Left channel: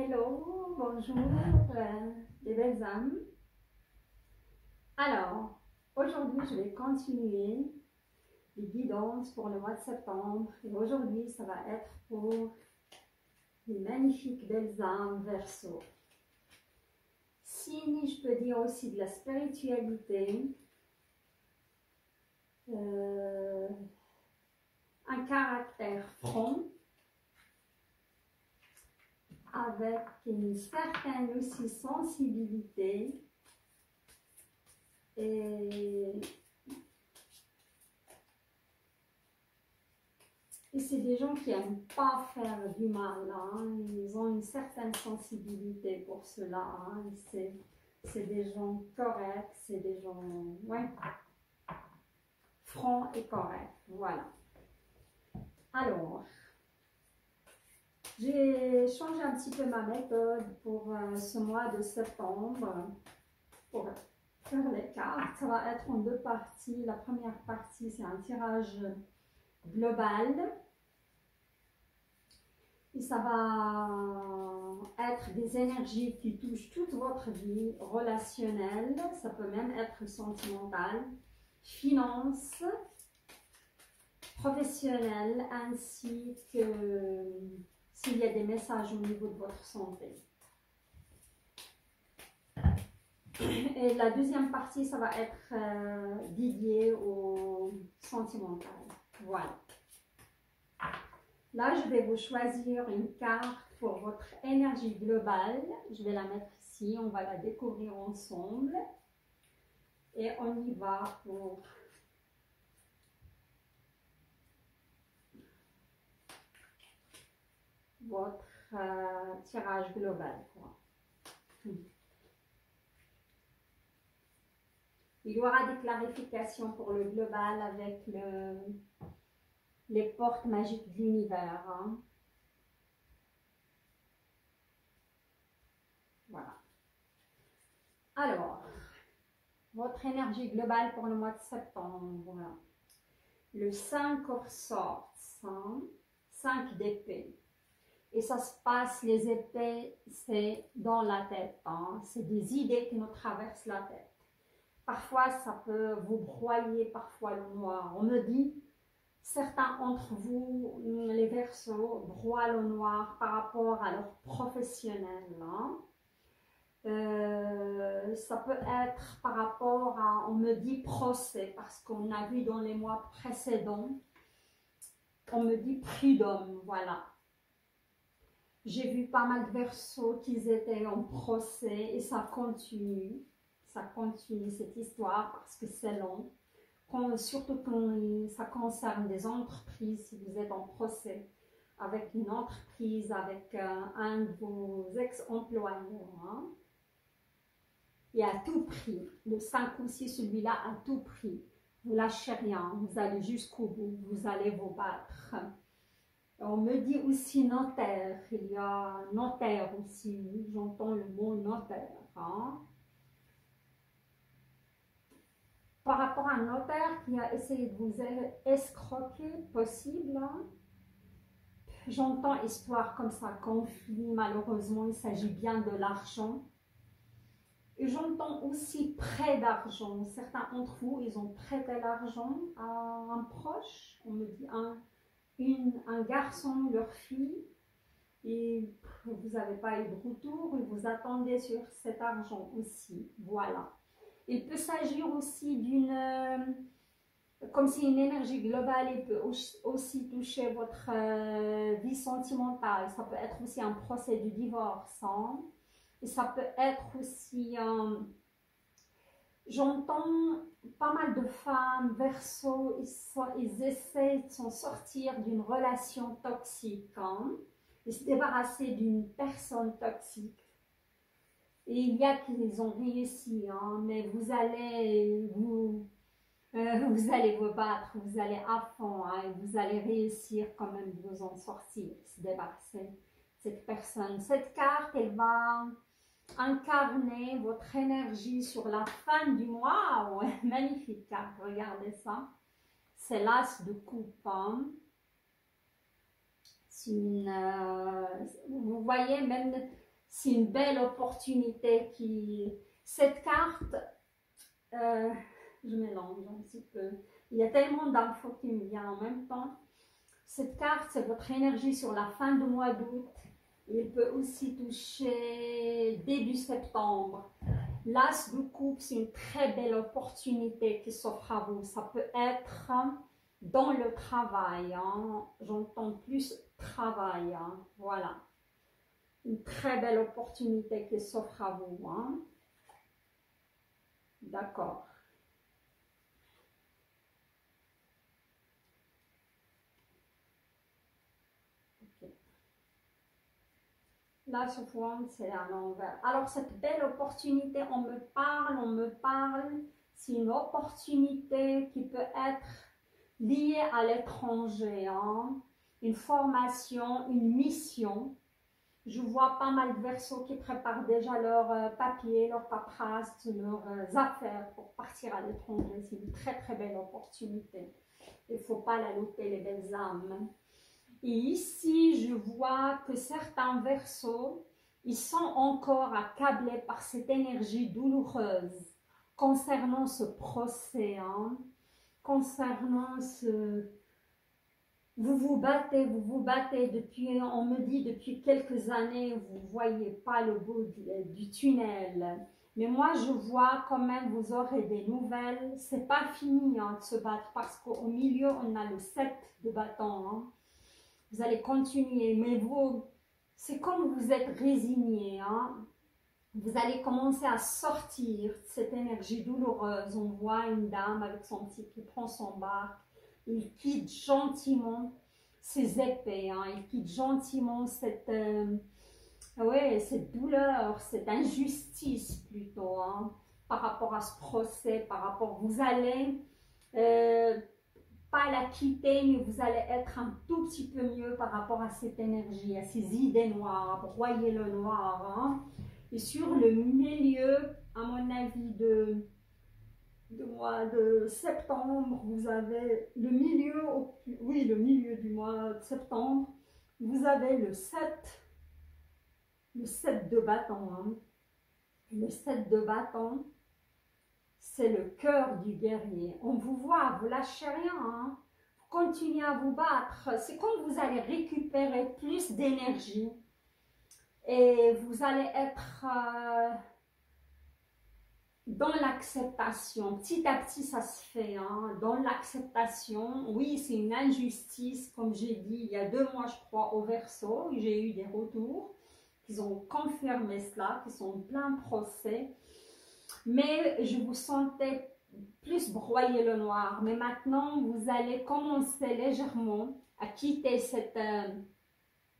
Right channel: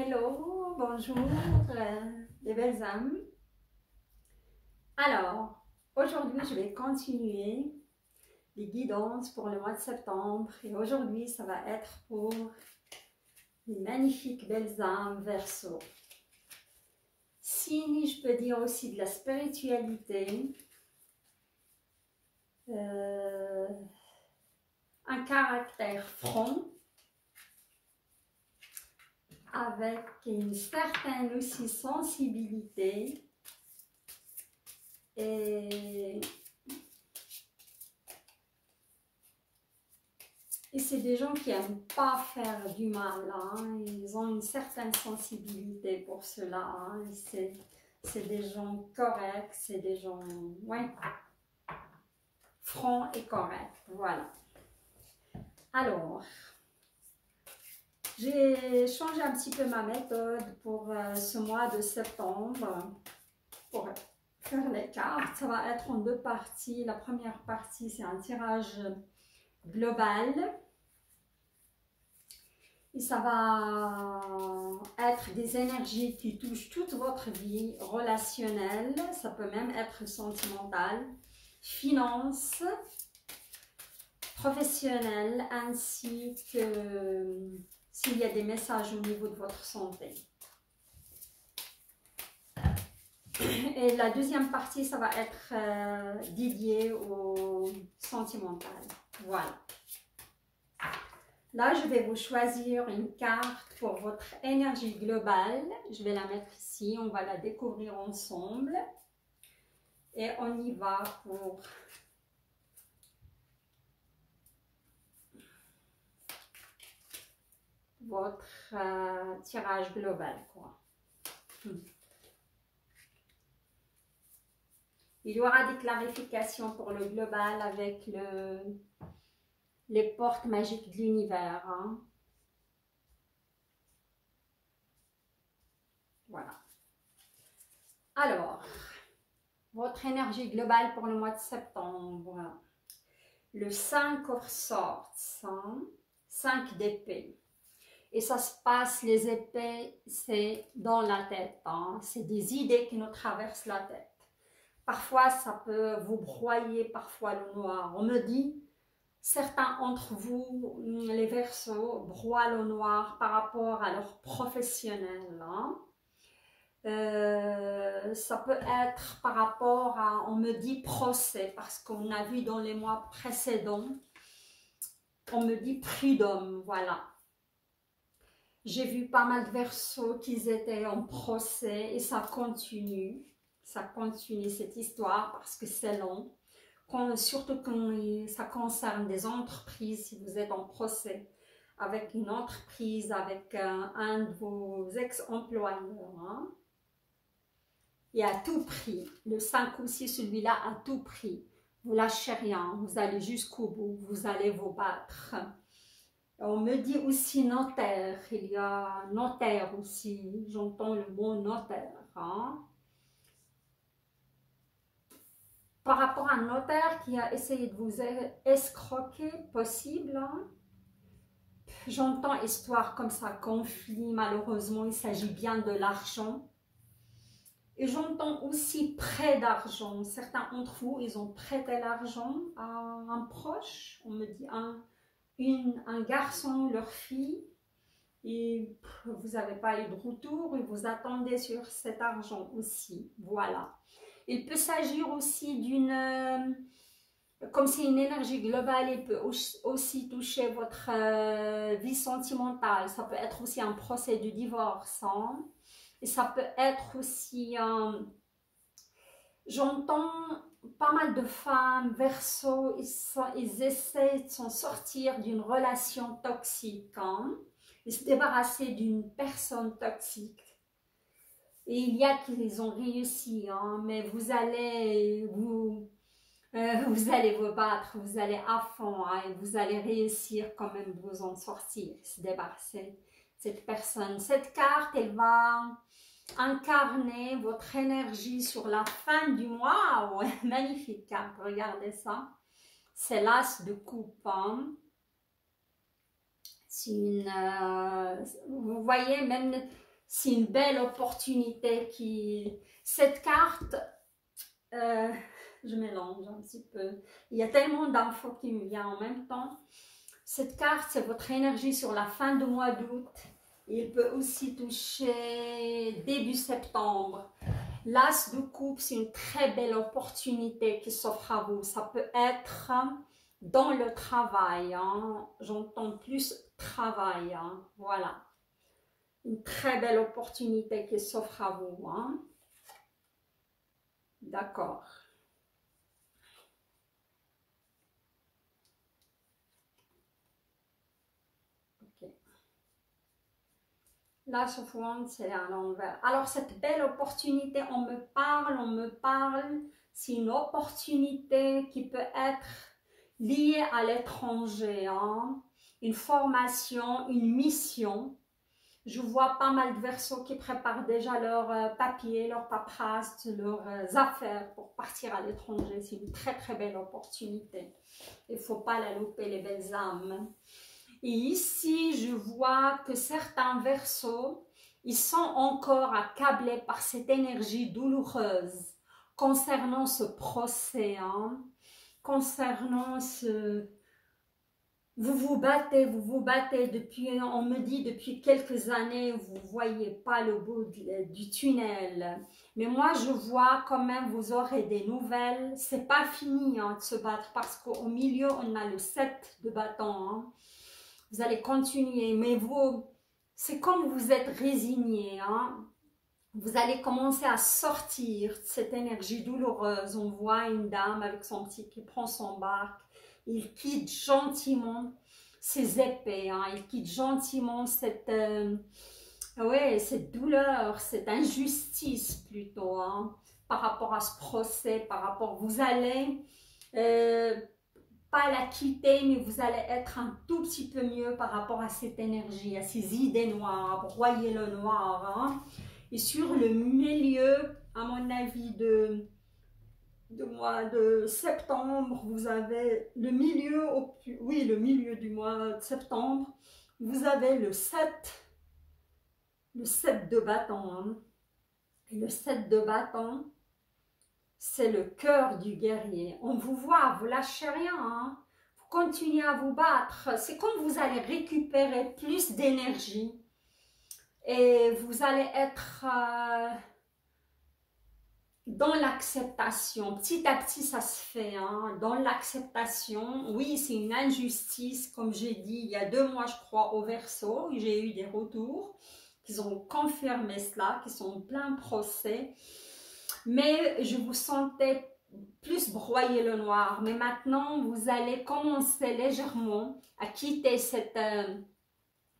Hello, bonjour les belles âmes. Alors, aujourd'hui je vais continuer les guidances pour le mois de septembre et aujourd'hui ça va être pour les magnifiques belles âmes Verseau. Signe, je peux dire aussi de la spiritualité, un caractère franc, avec une certaine aussi sensibilité et c'est des gens qui n'aiment pas faire du mal, hein. Ils ont une certaine sensibilité pour cela, hein. C'est des gens corrects, c'est des gens ouais, francs et corrects, voilà. Alors, j'ai changé un petit peu ma méthode pour ce mois de septembre, pour faire les cartes. Ça va être en deux parties. La première partie, c'est un tirage global. Et ça va être des énergies qui touchent toute votre vie relationnelle. Ça peut même être sentimental, finance, professionnelle, ainsi que s'il y a des messages au niveau de votre santé. Et la deuxième partie, ça va être dédié au sentimental. Voilà. Là, je vais vous choisir une carte pour votre énergie globale. Je vais la mettre ici, on va la découvrir ensemble. Et on y va pour votre tirage global, quoi. Il y aura des clarifications pour le global avec les portes magiques de l'univers, hein. Voilà. Alors, votre énergie globale pour le mois de septembre. Le 5 of Swords, hein, 5 d'épée. Et ça se passe, les épées, c'est dans la tête, hein. C'est des idées qui nous traversent la tête. Parfois, ça peut vous broyer, parfois le noir. On me dit, certains d'entre vous, les Verseaux, broient le noir par rapport à leur professionnel, hein. Ça peut être par rapport à, on me dit procès, parce qu'on a vu dans les mois précédents, on me dit prud'homme, voilà. J'ai vu pas mal de Verseaux qui étaient en procès et ça continue cette histoire parce que c'est long. Surtout quand ça concerne des entreprises, si vous êtes en procès avec une entreprise, avec un de vos ex-employeurs, hein. Et à tout prix, le 5 aussi, celui-là, à tout prix, vous lâchez rien, vous allez jusqu'au bout, vous allez vous battre. On me dit aussi notaire, il y a notaire aussi, j'entends le mot notaire, hein. Par rapport à un notaire qui a essayé de vous escroquer, possible, hein. J'entends histoire comme ça, conflit, malheureusement, il s'agit bien de l'argent. Et j'entends aussi prêt d'argent. Certains d'entre vous, ils ont prêté l'argent à un proche, on me dit un garçon, leur fille, et vous n'avez pas eu de retour et vous attendez sur cet argent aussi, voilà. Il peut s'agir aussi d'une, comme c'est une énergie globale, il peut aussi toucher votre vie sentimentale, ça peut être aussi un procès de divorce, hein. Et ça peut être aussi, j'entends pas mal de femmes, Verseaux, ils essaient de s'en sortir d'une relation toxique, hein, et se débarrasser d'une personne toxique. Et il y a qui les ont réussi, hein, mais vous allez vous battre, vous allez à fond, hein, et vous allez réussir quand même de vous en sortir, se débarrasser de cette personne. Cette carte, elle va incarner votre énergie sur la fin du mois. Ouais, magnifique carte, regardez ça. C'est l'as de coupe, hein. C'est une, vous voyez, même C'est une belle opportunité qui... Cette carte, je mélange un petit peu. Il y a tellement d'infos qui me viennent en même temps. Cette carte, c'est votre énergie sur la fin du mois d'août. Il peut aussi toucher début septembre. L'As de coupe, c'est une très belle opportunité qui s'offre à vous. Ça peut être dans le travail. Hein. J'entends plus travail. Hein. Voilà. Une très belle opportunité qui s'offre à vous. Hein. D'accord. Ok. Là, sauf c'est à l'envers. Alors, cette belle opportunité, on me parle. C'est une opportunité qui peut être liée à l'étranger. Hein. Une formation, une mission. Je vois pas mal de Verseaux qui préparent déjà leurs papiers, leurs paperasse, leurs affaires pour partir à l'étranger. C'est une très très belle opportunité. Il ne faut pas la louper, les belles âmes. Et ici, je vois que certains Verseaux, ils sont encore accablés par cette énergie douloureuse concernant ce procès, hein, concernant ce... Vous vous battez depuis, on me dit depuis quelques années, vous ne voyez pas le bout du tunnel. Mais moi, je vois quand même, vous aurez des nouvelles. C'est pas fini hein, de se battre parce qu'au milieu, on a le 7 de bâton. Hein. Vous allez continuer, mais vous, c'est comme vous êtes résigné. Hein. Vous allez commencer à sortir de cette énergie douloureuse. On voit une dame avec son petit qui prend son barque. Il quitte gentiment ses épées, hein. Il quitte gentiment cette, cette douleur, cette injustice plutôt, hein, par rapport à ce procès, par rapport, vous allez pas la quitter, mais vous allez être un tout petit peu mieux par rapport à cette énergie, à ces idées noires, broyer le noir. Hein. Et sur le milieu, à mon avis, de mois de septembre, vous avez le milieu, le milieu du mois de septembre, vous avez le 7 de bâton. Hein. Et le 7 de bâton, c'est le cœur du guerrier. On vous voit, vous lâchez rien, hein. Vous continuez à vous battre. C'est comme vous allez récupérer plus d'énergie et vous allez être... dans l'acceptation, petit à petit ça se fait, hein, dans l'acceptation. Oui, c'est une injustice, comme j'ai dit, il y a 2 mois je crois au Verseau, j'ai eu des retours qui ont confirmé cela, qui sont en plein procès, mais je vous sentais plus broyer le noir, mais maintenant vous allez commencer légèrement à quitter cette,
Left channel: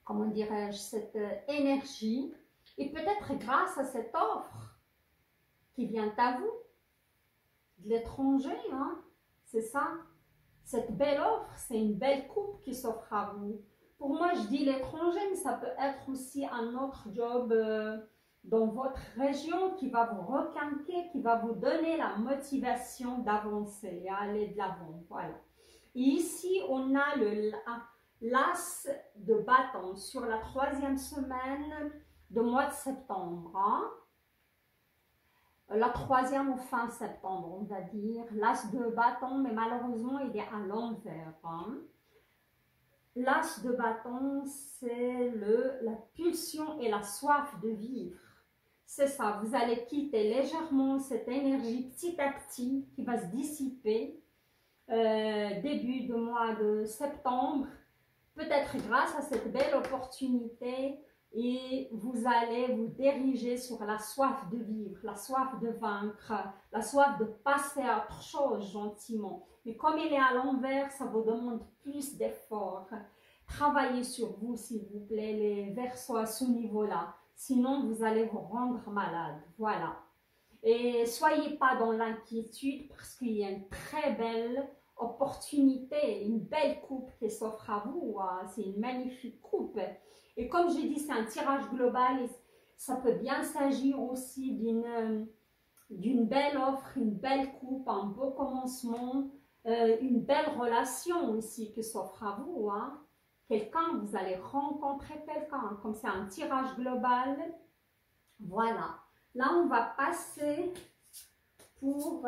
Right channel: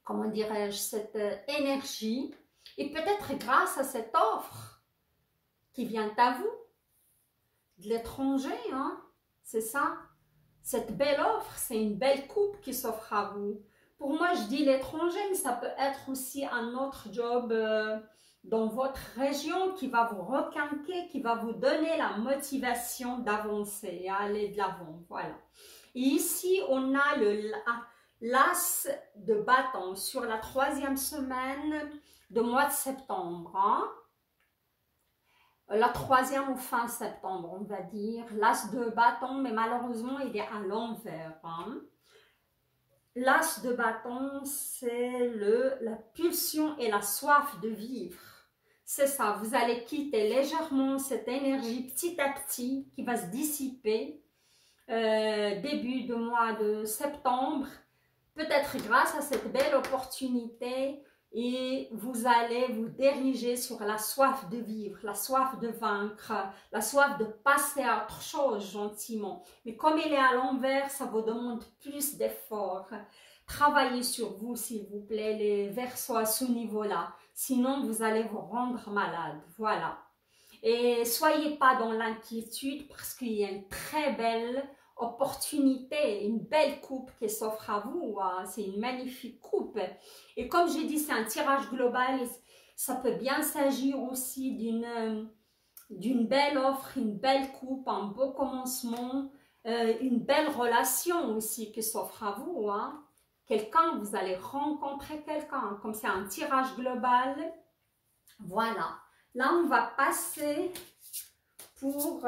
comment dirais-je, cette énergie, et peut-être grâce à cette offre qui vient à vous, de l'étranger, hein? C'est ça. Cette belle offre, c'est une belle coupe qui s'offre à vous. Pour moi, je dis l'étranger, mais ça peut être aussi un autre job dans votre région qui va vous requinquer, qui va vous donner la motivation d'avancer et aller de l'avant. Voilà. Et ici, on a l'as de bâton sur la 3e semaine du mois de septembre. Hein? La 3e ou fin septembre, on va dire. L'as de bâton, mais malheureusement, il est à l'envers. Hein. L'as de bâton, c'est la pulsion et la soif de vivre. C'est ça, vous allez quitter légèrement cette énergie petit à petit qui va se dissiper début du mois de septembre. Peut-être grâce à cette belle opportunité, et vous allez vous diriger sur la soif de vivre, la soif de vaincre, la soif de passer à autre chose gentiment. Mais comme il est à l'envers, ça vous demande plus d'efforts. Travaillez sur vous, s'il vous plaît, les Verseaux à ce niveau-là. Sinon, vous allez vous rendre malade. Voilà. Et soyez pas dans l'inquiétude parce qu'il y a une très belle opportunité, une belle coupe qui s'offre à vous. C'est une magnifique coupe. Et comme j'ai dit, c'est un tirage global. Ça peut bien s'agir aussi d'une belle offre, une belle coupe, un beau commencement, une belle relation aussi qui s'offre à vous. Hein. Quelqu'un, vous allez rencontrer quelqu'un. Comme c'est un tirage global, Voilà. Là, on va passer pour...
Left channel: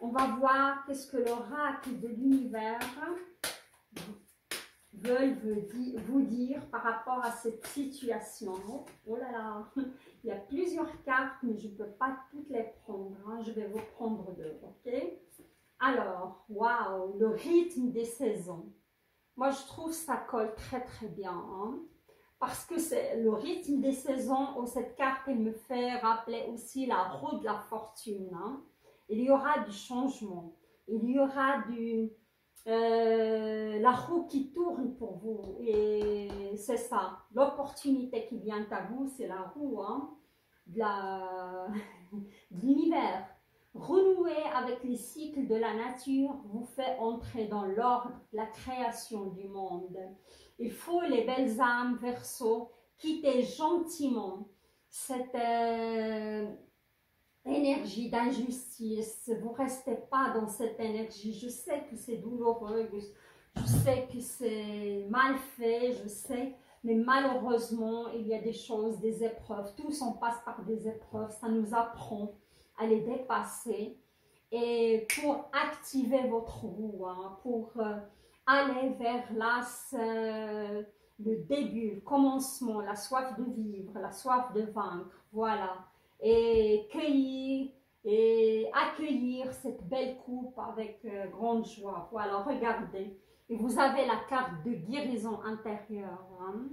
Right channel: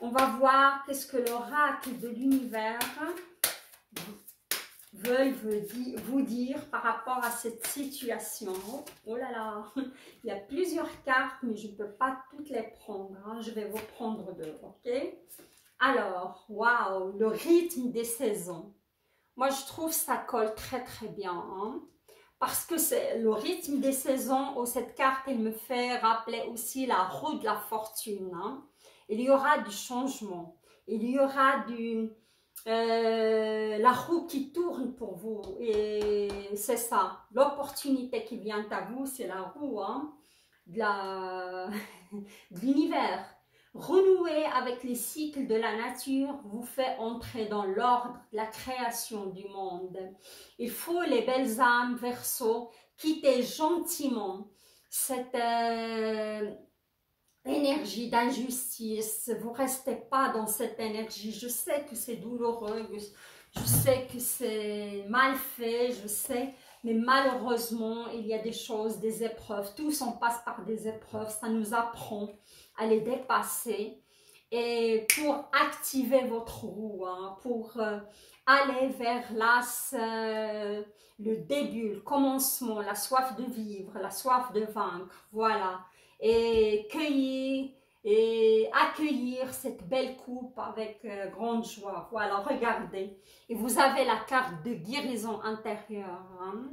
on va voir qu'est-ce que l'oracle de l'univers veulent vous dire par rapport à cette situation. Oh là là, il y a plusieurs cartes, mais je ne peux pas toutes les prendre. Hein. Je vais vous prendre deux, ok? Alors, waouh, le rythme des saisons. Moi, je trouve ça colle très très bien. Hein, parce que c'est le rythme des saisons. Oh, cette carte, elle me fait rappeler aussi la roue de la fortune. Hein. Il y aura du changement. Il y aura la roue qui tourne pour vous. Et c'est ça. L'opportunité qui vient à vous, c'est la roue hein, de l'univers. Renouer avec les cycles de la nature vous fait entrer dans l'ordre de la création du monde. Il faut les belles âmes Verseau quitter gentiment cette énergie d'injustice. Vous ne restez pas dans cette énergie. Je sais que c'est douloureux, je sais que c'est mal fait, je sais, mais malheureusement, il y a des choses, des épreuves. Tous on passe par des épreuves, ça nous apprend à les dépasser et pour activer votre roue, hein, pour aller vers le début, le commencement, la soif de vivre, la soif de vaincre, voilà, et cueillir et accueillir cette belle coupe avec grande joie, voilà, regardez, et vous avez la carte de guérison intérieure, hein.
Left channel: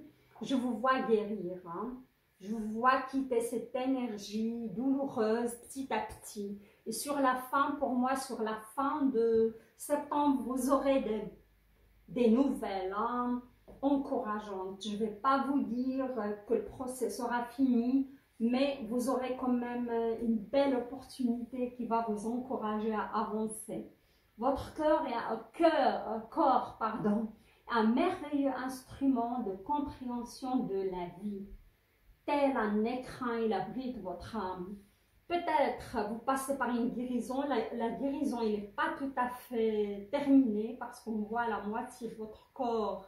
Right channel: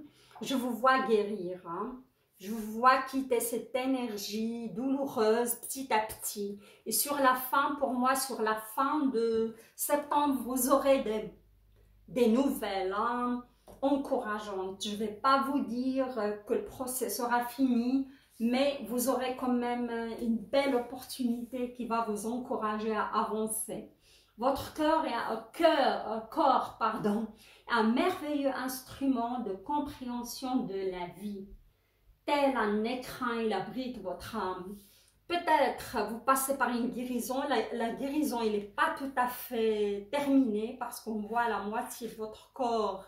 Je vous vois guérir, hein. Je vous vois quitter cette énergie douloureuse petit à petit. Et sur la fin, pour moi, sur la fin de septembre, vous aurez des nouvelles hein, encourageantes. Je ne vais pas vous dire que le procès sera fini, mais vous aurez quand même une belle opportunité qui va vous encourager à avancer. Votre corps, pardon, est un merveilleux instrument de compréhension de la vie. Tel un écrin, il abrite votre âme. Peut-être vous passez par une guérison. La guérison, il n'est pas tout à fait terminée parce qu'on voit la moitié de votre corps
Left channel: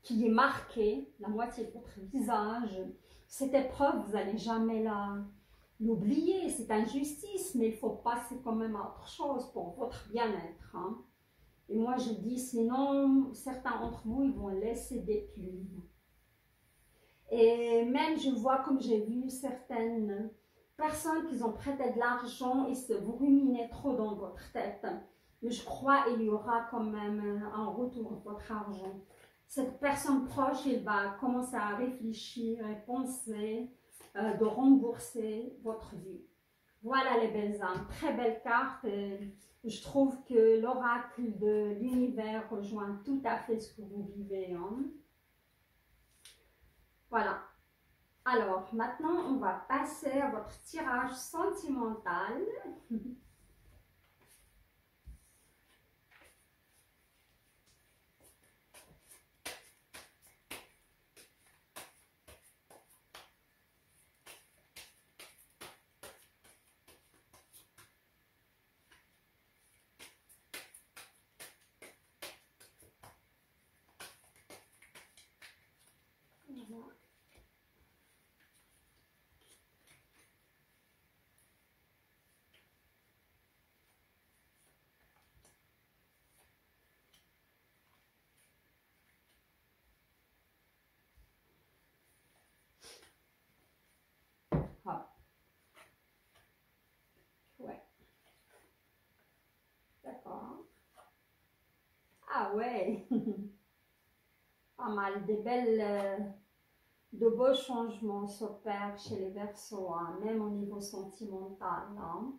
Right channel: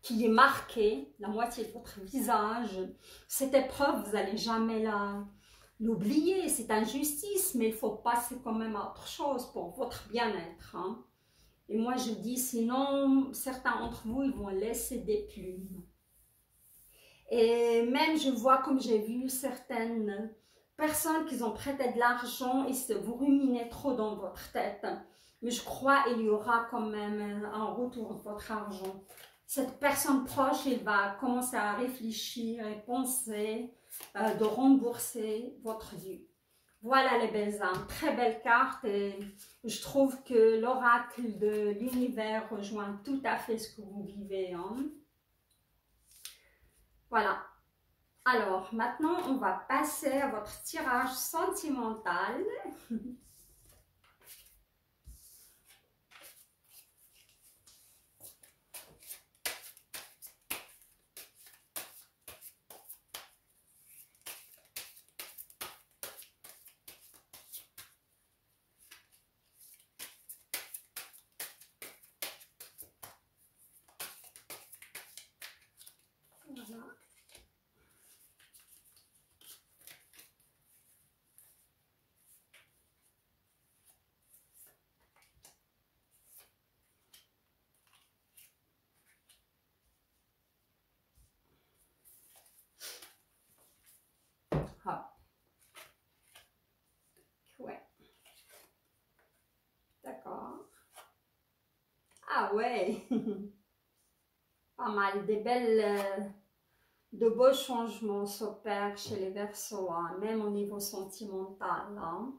qui est marquée, la moitié de votre visage. Cette épreuve, vous n'allez jamais l'oublier. C'est injustice, mais il faut passer quand même à autre chose pour votre bien-être. Hein. Et moi, je dis, sinon, certains d'entre vous, ils vont laisser des plumes. Et même, je vois, comme j'ai vu certaines personnes qui ont prêté de l'argent et vous ruminez trop dans votre tête. Mais je crois qu'il y aura quand même un retour de votre argent. Cette personne proche, elle va commencer à réfléchir et penser de rembourser votre dû. Voilà les belles âmes, très belle carte et je trouve que l'oracle de l'univers rejoint tout à fait ce que vous vivez. Hein. Voilà. Alors, maintenant, on va passer à votre tirage sentimental. Voilà. Hop. Ouais. D'accord. Ah ouais. Pas mal. De beaux changements s'opèrent chez les Verseaux, hein, même au niveau sentimental. Hein.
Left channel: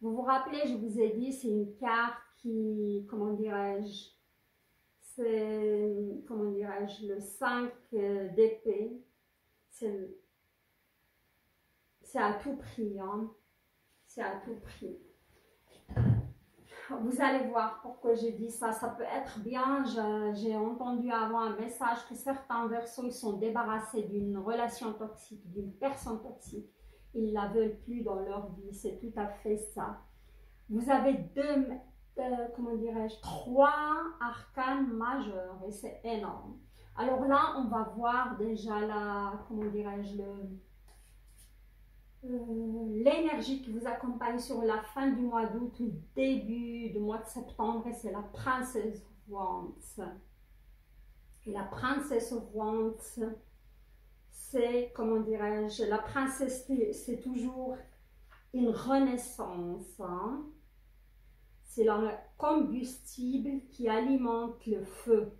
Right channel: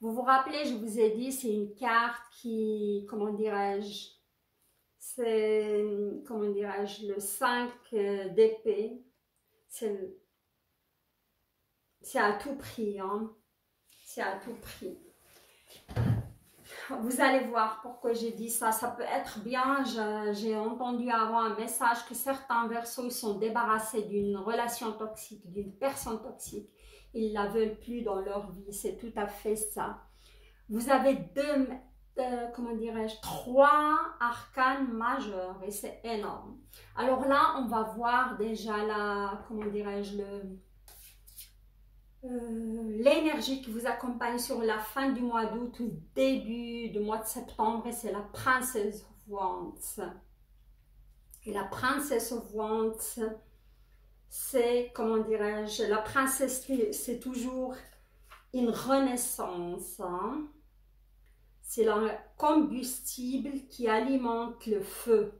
Vous vous rappelez, je vous ai dit, c'est une carte qui, comment dirais-je, c'est, comment dirais-je, le 5 d'épée. C'est à tout prix, hein. C'est à tout prix. Vous allez voir pourquoi j'ai dit ça. Ça peut être bien. J'ai entendu avant un message que certains Verseaux sont débarrassés d'une relation toxique, d'une personne toxique. Ils ne la veulent plus dans leur vie. C'est tout à fait ça. Vous avez comment dirais-je, 3 arcanes majeurs et c'est énorme. Alors là, on va voir déjà la, comment dirais-je, l'énergie qui vous accompagne sur la fin du mois d'août ou début du mois de septembre et c'est la princesse of Wands. Et la princesse of Wands, c'est, comment dirais-je, la princesse, c'est toujours une renaissance. Hein? C'est le combustible qui alimente le feu.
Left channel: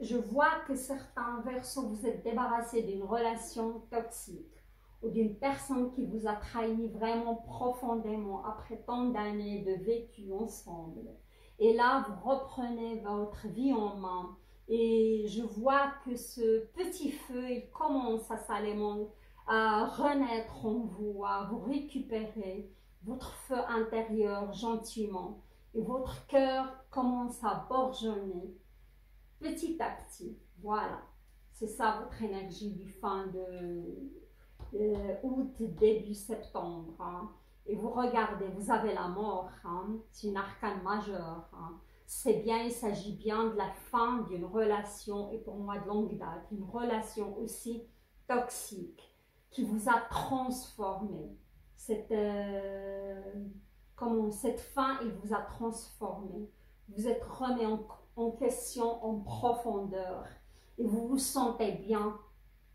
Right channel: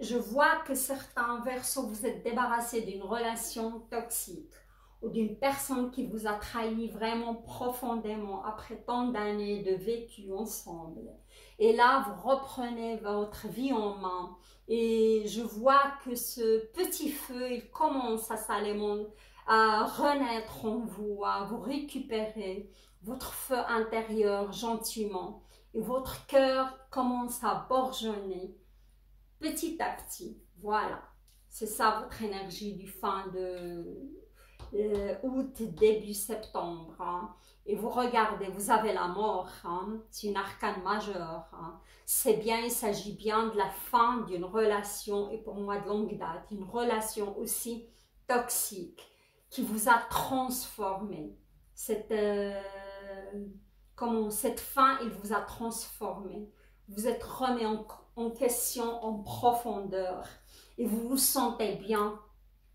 Je vois que certains versos, vous êtes débarrassés d'une relation toxique ou d'une personne qui vous a trahi vraiment profondément après tant d'années de vécu ensemble. Et là, vous reprenez votre vie en main. Et je vois que ce petit feu, il commence à s'alimenter, à renaître en vous, à vous récupérer votre feu intérieur gentiment. Et votre cœur commence à bourgeonner petit à petit. Voilà. C'est ça votre énergie du fin de août, début septembre. Hein. Et vous regardez, vous avez la mort. Hein. C'est une arcane majeure. Hein. C'est bien, il s'agit bien de la fin d'une relation, et pour moi de longue date, une relation aussi toxique qui vous a transformé. Cette fin, il vous a transformé. Vous êtes remis en question, en profondeur, et vous vous sentez bien.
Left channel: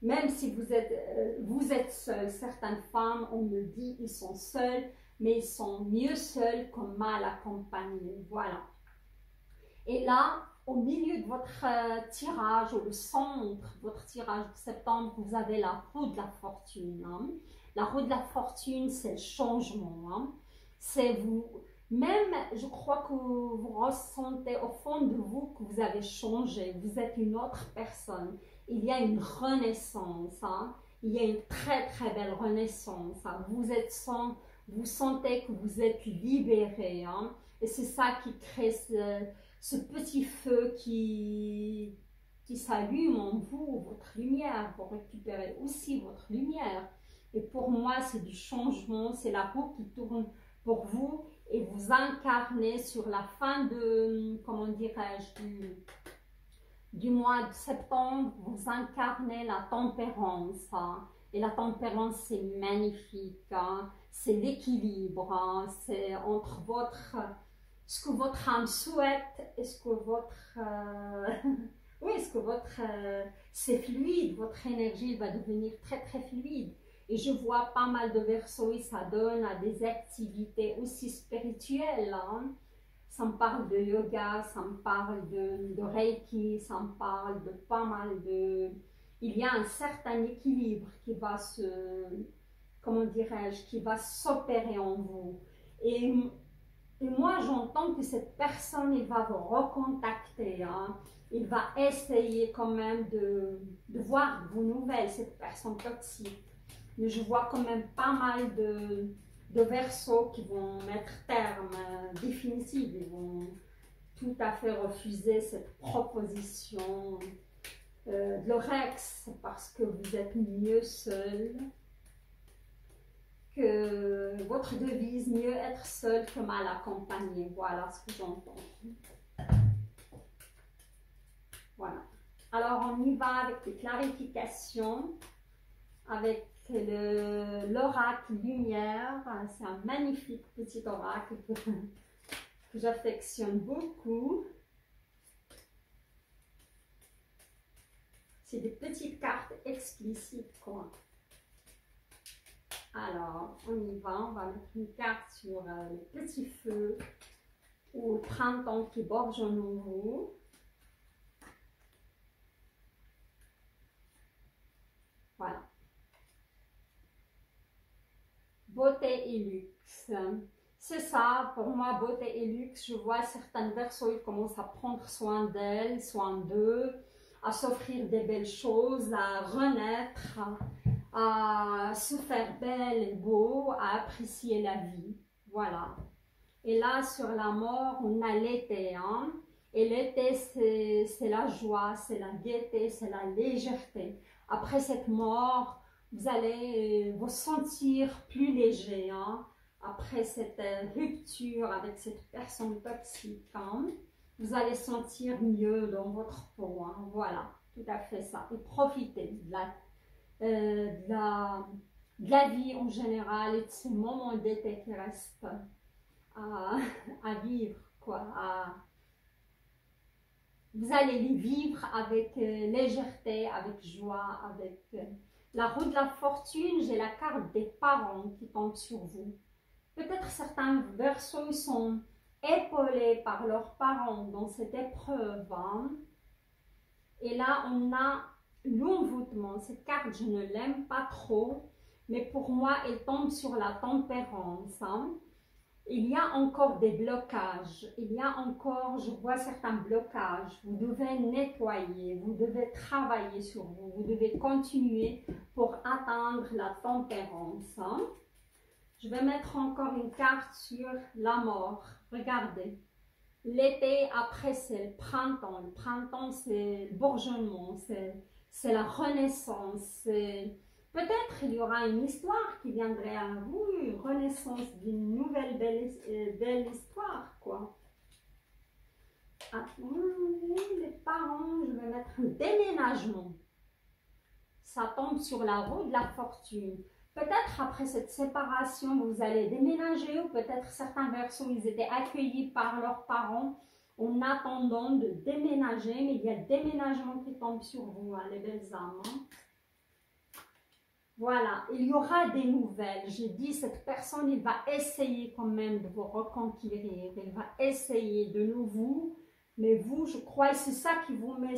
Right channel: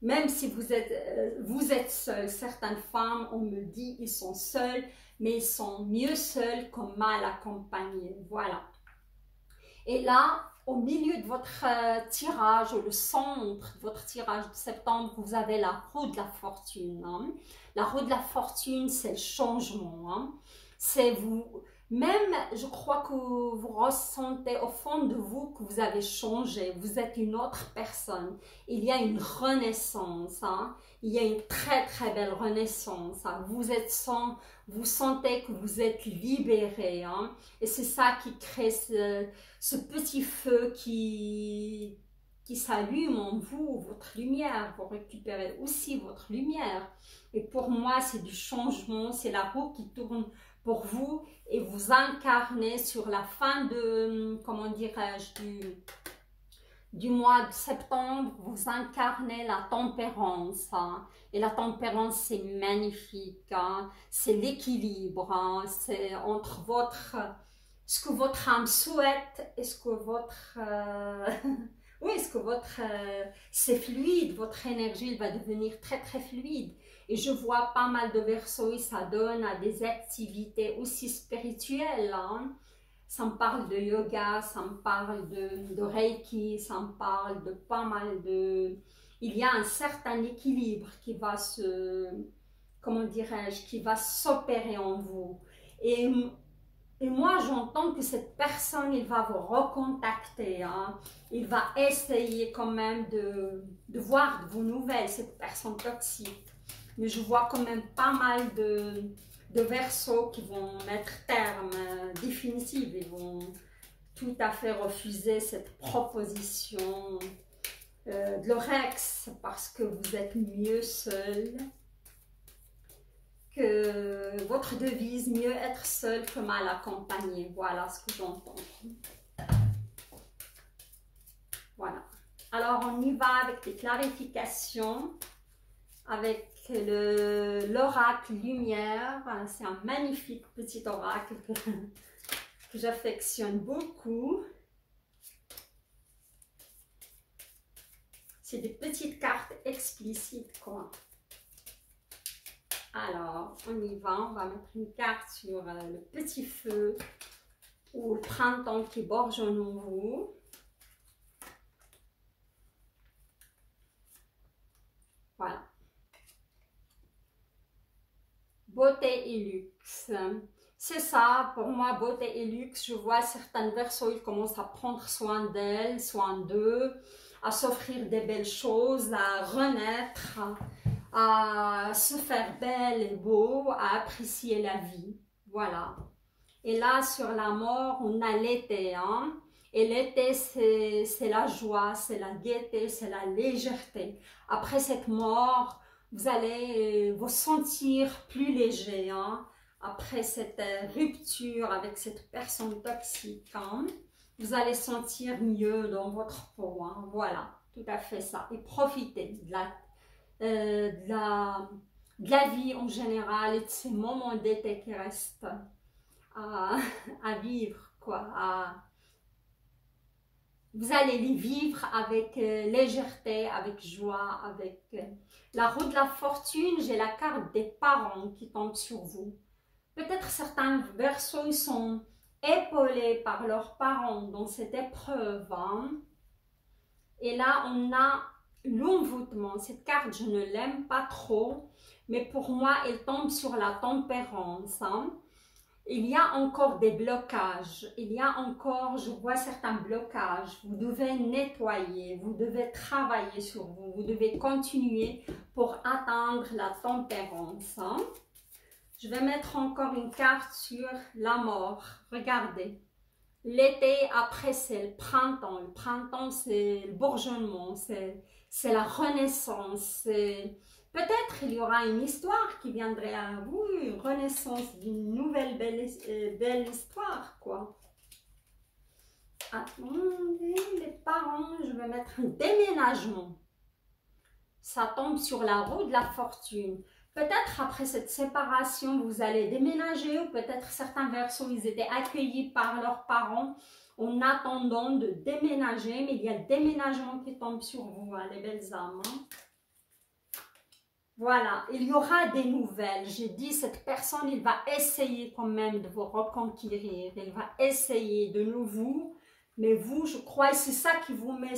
Même si vous êtes seul, certaines femmes, on me dit, ils sont seuls, mais ils sont mieux seuls que mal accompagnés. Voilà. Et là, au milieu de votre tirage, le centre de votre tirage de septembre, vous avez la roue de la fortune. Hein. La roue de la fortune, c'est le changement. Hein. C'est vous, même je crois que vous ressentez au fond de vous que vous avez changé, vous êtes une autre personne. Il y a une renaissance. Hein. Il y a une très très belle renaissance. Hein. Vous sentez que vous êtes libéré. Hein. Et c'est ça qui crée ce petit feu qui s'allume en vous, votre lumière. Vous récupérez aussi votre lumière. Et pour moi, c'est du changement, c'est la roue qui tourne pour vous et vous incarnez sur la fin de, comment dirais-je, du mois de septembre, vous incarnez la tempérance. Hein. Et la tempérance, c'est magnifique. Hein. C'est l'équilibre. Hein. C'est entre ce que votre âme souhaite et ce que votre... oui, est-ce que c'est fluide, votre énergie va devenir très très fluide. Et je vois pas mal de versos et ça donne à des activités aussi spirituelles. Hein. Ça me parle de yoga, ça me parle de reiki, ça me parle de pas mal de... Il y a un certain équilibre qui va comment dirais-je, qui va s'opérer en vous. Et moi, j'entends que cette personne, il va vous recontacter. Hein. Il va essayer quand même de voir de vos nouvelles, cette personne toxique. Mais je vois quand même pas mal de versos qui vont mettre terme définitif. Ils vont tout à fait refuser cette proposition de leur ex parce que vous êtes mieux seul. Que votre devise, mieux être seul que mal accompagné. Voilà ce que j'entends. Voilà. Alors, on y va avec des clarifications, avec l'oracle lumière. C'est un magnifique petit oracle que j'affectionne beaucoup. C'est des petites cartes explicites, quoi. Alors, on y va, on va mettre une carte sur le petit feu ou le printemps qui bourgeonne en vous. Voilà. Beauté et luxe. C'est ça, pour moi, beauté et luxe, je vois certaines versos, ils commencent à prendre soin d'elles, soin d'eux, à s'offrir des belles choses, à renaître, à se faire belle et beau, à apprécier la vie. Voilà. Et là, sur la mort, on a l'été. Hein? Et l'été, c'est la joie, c'est la gaieté, c'est la légèreté. Après cette mort, vous allez vous sentir plus léger. Hein? après cette rupture avec cette personne toxique, hein, vous allez sentir mieux dans votre peau. Hein. Voilà, tout à fait ça. Et profitez de la vie en général et de ces moments d'été qui restent à vivre, quoi. Vous allez les vivre avec légèreté, avec joie, avec la roue de la fortune. J'ai la carte des parents qui tombe sur vous. Peut-être certains verseaux sont épaulés par leurs parents dans cette épreuve. Hein. Et là, on a l'envoûtement. Cette carte, je ne l'aime pas trop, mais pour moi, elle tombe sur la tempérance. Hein. Il y a encore des blocages, il y a encore, je vois certains blocages, vous devez nettoyer, vous devez travailler sur vous, vous devez continuer pour atteindre la tempérance. Hein. Je vais mettre encore une carte sur la mort, regardez. L'été, après, c'est le printemps, c'est le bourgeonnement, c'est la renaissance, peut-être il y aura une histoire qui viendrait à vous, une renaissance d'une nouvelle belle histoire, quoi. Attendez, les parents, je vais mettre un déménagement. Ça tombe sur la roue de la fortune. Peut-être après cette séparation, vous allez déménager, ou peut-être certains versos, ils étaient accueillis par leurs parents en attendant de déménager, mais il y a le déménagement qui tombe sur vous, hein, les belles âmes. Hein. Voilà, il y aura des nouvelles. J'ai dit, cette personne, il va essayer quand même de vous reconquérir. Il va essayer de nouveau. Mais vous, je crois, c'est ça qui vous met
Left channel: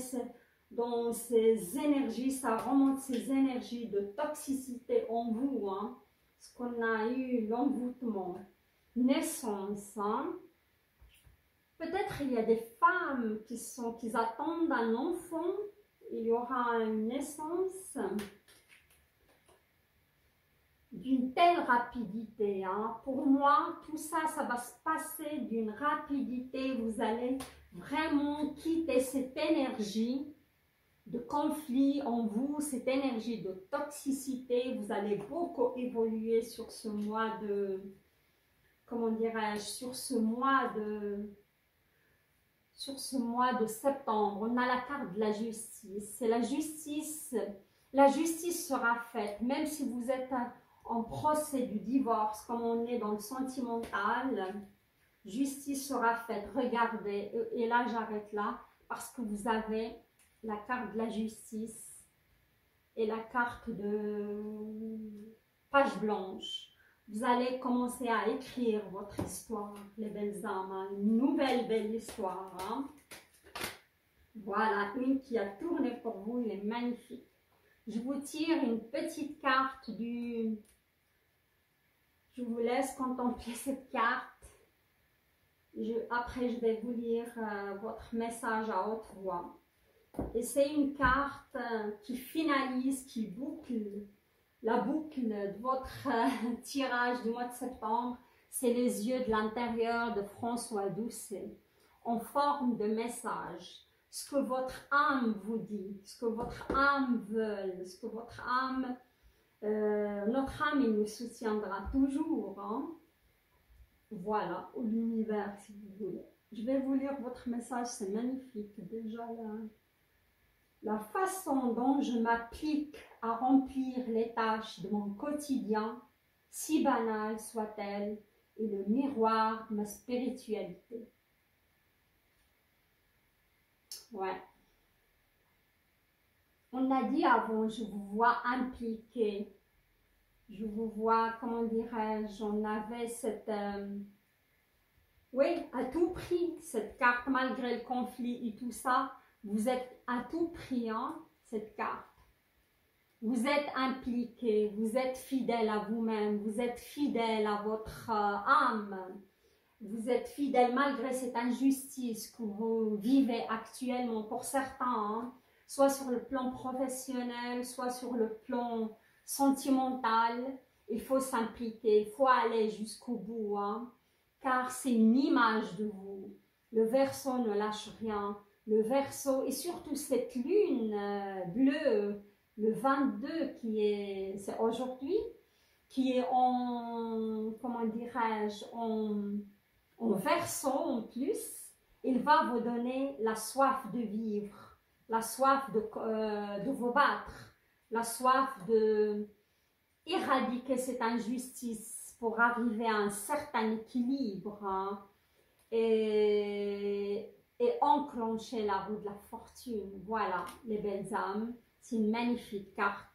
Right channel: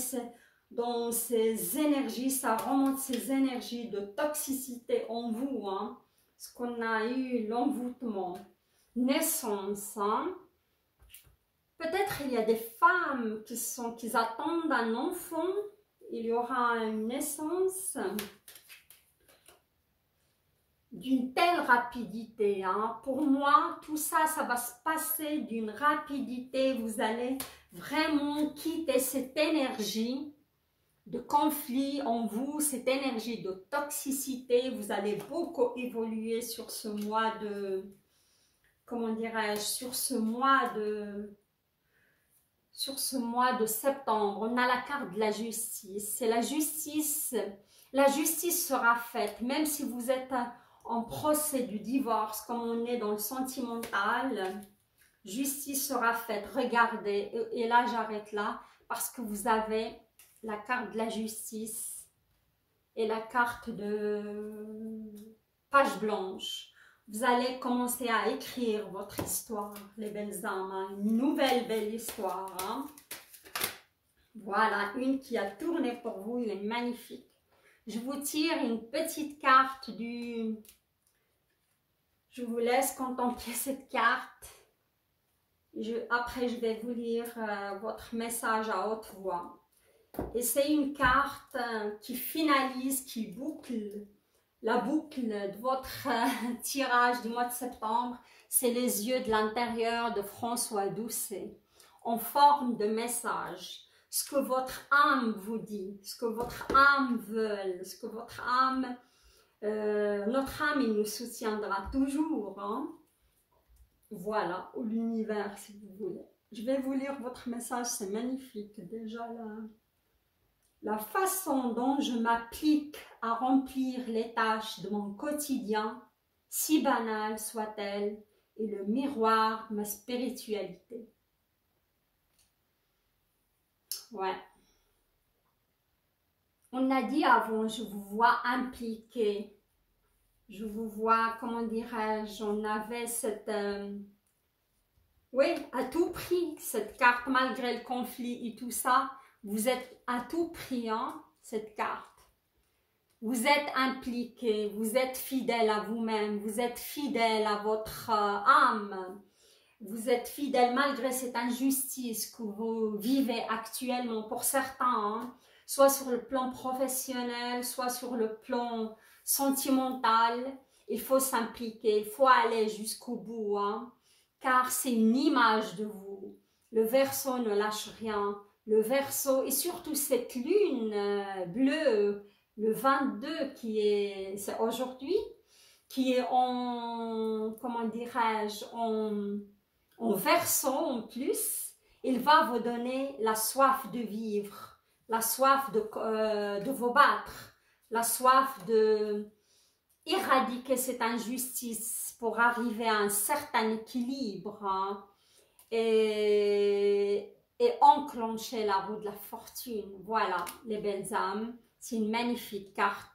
dans ces énergies. Ça remonte ces énergies de toxicité en vous. Hein, parce qu'on a eu l'envoûtement. Naissance. Hein. Peut-être il y a des femmes qui attendent un enfant. Il y aura une naissance d'une telle rapidité. Hein. Pour moi, tout ça, ça va se passer d'une rapidité. Vous allez vraiment quitter cette énergie de conflit en vous, cette énergie de toxicité. Vous allez beaucoup évoluer sur ce mois de, comment dirais-je, sur ce mois de septembre. On a la carte de la justice. C'est la justice. La justice sera faite, même si vous êtes en procès du divorce, comme on est dans le sentimental, justice sera faite. Regardez, et là j'arrête là, parce que vous avez la carte de la justice et la carte de page blanche. Vous allez commencer à écrire votre histoire, les belles âmes, hein, une nouvelle belle histoire. Hein. Voilà, une qui a tourné pour vous, elle est magnifique. Je vous tire une petite carte du... Je vous laisse contempler cette carte. Après, je vais vous lire votre message à haute voix. Et c'est une carte qui finalise, qui boucle la boucle de votre tirage du mois de septembre. C'est les yeux de l'intérieur de François Doucet en forme de message. Ce que votre âme vous dit, ce que votre âme veut, ce que votre âme... notre âme, il nous soutiendra toujours. Hein? Voilà, ou l'univers, si vous voulez. Je vais vous lire votre message, c'est magnifique. Déjà, la façon dont je m'applique à remplir les tâches de mon quotidien, si banale soit-elle, est le miroir de ma spiritualité. Ouais. On a dit avant, je vous vois impliqué. Je vous vois, comment dirais-je, on avait cette... oui, à tout prix, cette carte, malgré le conflit et tout ça, vous êtes à tout prix, hein, cette carte. Vous êtes impliqué, vous êtes fidèle à vous-même, vous êtes fidèle à votre âme. Vous êtes fidèle malgré cette injustice que vous vivez actuellement pour certains, hein, soit sur le plan professionnel, soit sur le plan sentimental. Il faut s'impliquer, il faut aller jusqu'au bout, hein, car c'est une image de vous. Le Verseau ne lâche rien. Le Verseau, et surtout cette lune bleue, le 22 c'est aujourd'hui, qui est en, comment dirais-je, en verso en plus, il va vous donner la soif de vivre, la soif de vous battre, la soif de éradiquer cette injustice pour arriver à un certain équilibre, hein, et enclencher la roue de la fortune. Voilà, les belles âmes. C'est une magnifique carte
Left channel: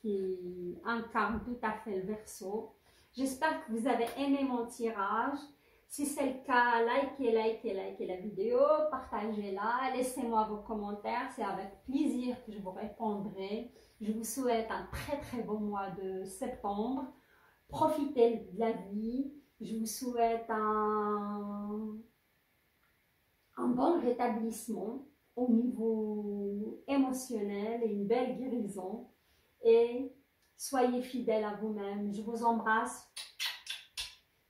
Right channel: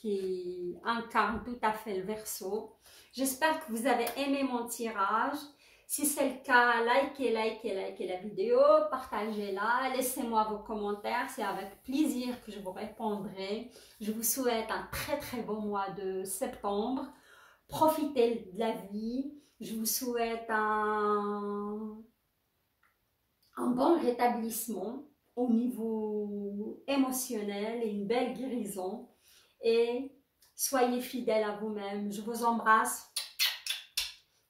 qui incarne tout à fait le Verseau. J'espère que vous avez aimé mon tirage. Si c'est le cas, likez la vidéo, partagez-la, laissez-moi vos commentaires, c'est avec plaisir que je vous répondrai. Je vous souhaite un très bon mois de septembre. Profitez de la vie. Je vous souhaite un bon rétablissement au niveau émotionnel et une belle guérison. Et soyez fidèles à vous-même. Je vous embrasse.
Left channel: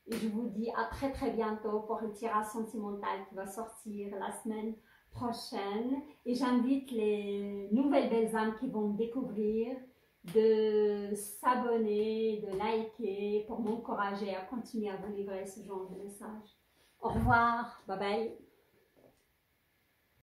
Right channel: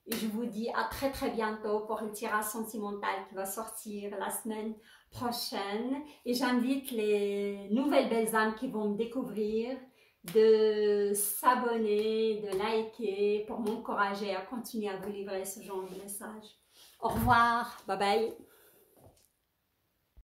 Et je vous dis à très bientôt pour le tirage sentimental qui va sortir la semaine prochaine. Et j'invite les nouvelles belles âmes qui vont me découvrir de s'abonner, de liker pour m'encourager à continuer à vous livrer ce genre de message. Au revoir, bye bye.